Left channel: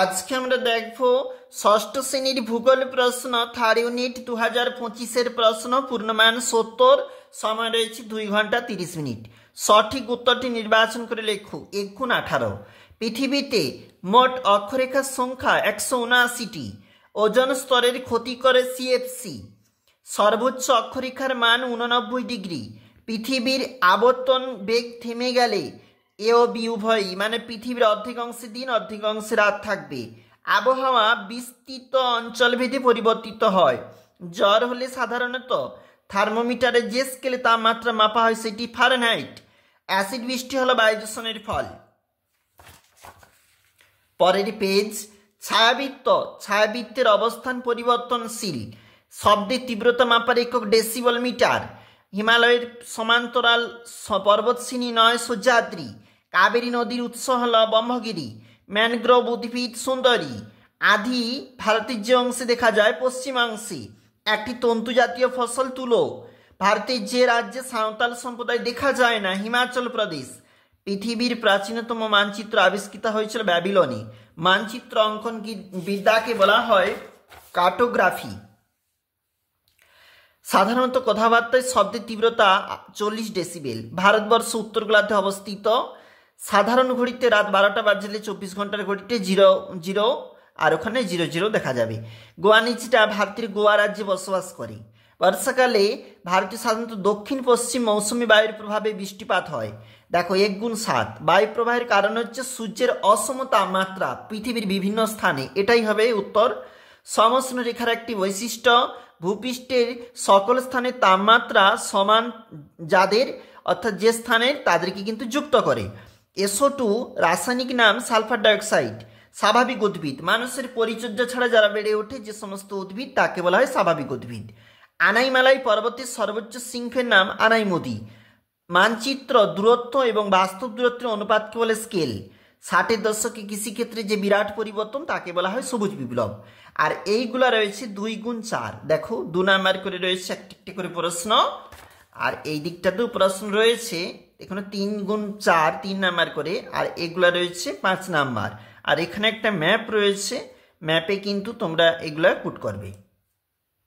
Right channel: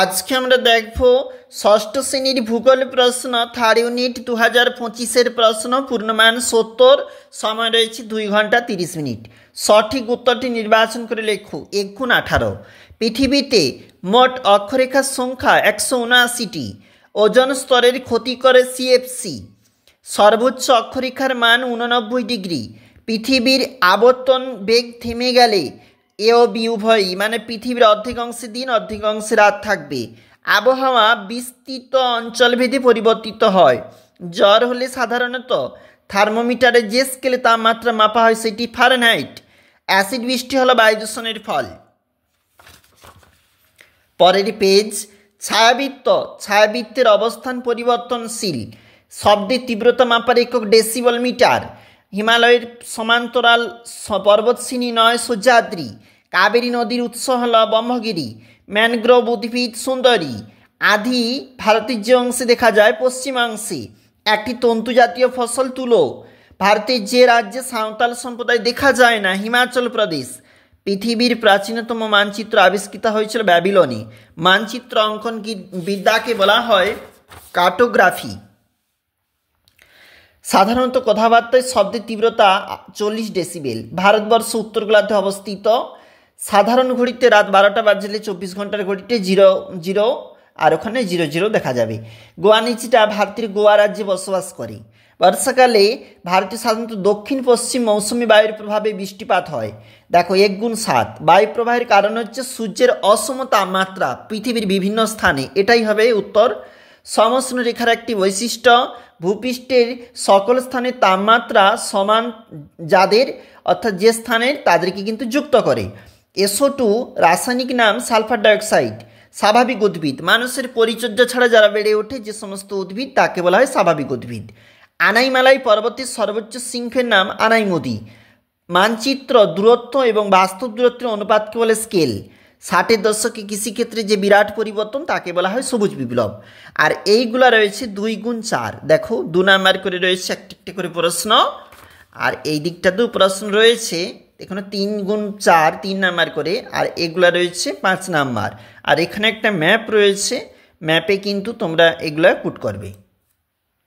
আজকে আমরা দেখব ষষ্ঠ শ্রেণীর ভূগোল প্রশ্ন থার্ড ইউনিট 2025-এর প্রশ্ন। পূর্ণমান 70, সময় রয়েছে 2 ঘন্টা 30 মিনিট। সঠিক উত্তরটি নির্বাচন করে লেখো। 1×18। পৃথিবীতে মোট অক্ষরেখার সংখ্যা 179টি। ওজন স্তরের ক্ষতি করে সিএফসি। সর্বোচ্চ অক্ষরেখার মান 89 ডিগ্রি। পৃথিবীর আবর্তন বেগ থেমে গেলে এ ও বি উভয়ই, মানে পৃথিবীর অর্ধেক অংশে দিন অর্ধেক অংশে রাত থাকবে। আবহাওয়া বিস্তৃত অঞ্চলভেদে পরিবর্তিত হয়। জ্বর হলে সাধারণত থার্মোমিটারে যে স্কেলে তাপমাত্রা মাপা হয় সেটি ফারেনহাইট। অ্যাসিড বৃষ্টি হলো বায়ু দূষণের ফল। পরের পেজ। ছায়াবৃত্ত। ছায়াবৃত্তের অবস্থান পরিবর্তনশীল। শব্দের তীব্রতা মাপার একক ডেসিবল মিটার। হিমালয়ের সমান্তরাল পর্বতশ্রেণী নয় সহ্যাদ্রি। কাবেরী নদীর উৎস হল ব্রহ্মগিরি। ম্যানগ্রোভ উদ্ভিদ সুন্দরী। আধি ভারতের যে অংশে দেখা যায় পশ্চিমাংশে। একটি তন্তু জাতীয় ফসল তুলো। ভারতের যে রাজ্যে সাঁওতাল সম্প্রদায় দেখা যায় না হিমাচল প্রদেশ। পৃথিবীর প্রাচীনতম মানচিত্র আবিষ্কৃত হয়েছিল ব্যাবিলনে। মানচিত্র অঙ্কন বিদ্যাকে বলা হয় কার্টোগ্রাফি। সাধারণত কথাবার্তায় শব্দের তীব্রতা 40 ডেসিবেল। ভারতবর্ষ উত্তর গোলার্ধে অবস্থিত। সাধারণ ঘড়িতে রাত 12টা বাজলে 24 ঘন্টার ঘড়িতে 00 আর ওখানে 00 দেখা যাবে। গোয়ানিচিটা ভারতের গোয়া রাজ্যে বসবাস করে। বর্ষাকালে ভারতে সাধারণত দক্ষিণ পশ্চিম মৌসুমী বায়ুর প্রভাবে বৃষ্টিপাত হয়। দেখো 1×7। বায়ু প্রবাহের কারণ হচ্ছে সূর্যের অসম তাপমাত্রা পৃথিবীর বিভিন্ন স্থানে। এটাই হবে উত্তর। সমষ্ণ রেখার একটি বৈশিষ্ট্য ভূপৃষ্ঠের সকল স্থানে তাপমাত্রা সমান, যাদের অর্থাৎ যে স্থানের তাদেরকে কিন্তু যুক্ত করে। SO2 রাসায়নিক নাম সালফার ডাইঅক্সাইড। স্বাভাবিক উদ্ভিদ মানুষের পরিচর্যা ছাড়া যারা বেড়ে ওঠে যে সমস্ত উদ্ভিদ তাকে বলা হয় স্বাভাবিক উদ্ভিদ। আনাইমালাই পর্বতের সর্বোচ্চ শৃঙ্গের নাম আনাইমুদি। মানচিত্র দূরত্ব এবং বাস্তব দূরত্বের অনুপাতকে বলে স্কেল। 60-এর দশকে কৃষিক্ষেত্রে যে বিরাট পরিবর্তন তাকে বলা হয় সবুজ বিপ্লব। আর এইগুলা রয়েছে 2×4। দেখো 2 নাম্বার করে রয়েছে একটি করে প্রশ্ন, আর এই দিকটাতেও প্রশ্ন রয়েছে। এখানে 3×4 3 নাম্বার করে, আর এগুলা রয়েছে 5 নাম্বার। আর এখানে একটা ম্যাপ রয়েছে, ম্যাপে কিন্তু তোমরা এগুলা পুট করবে।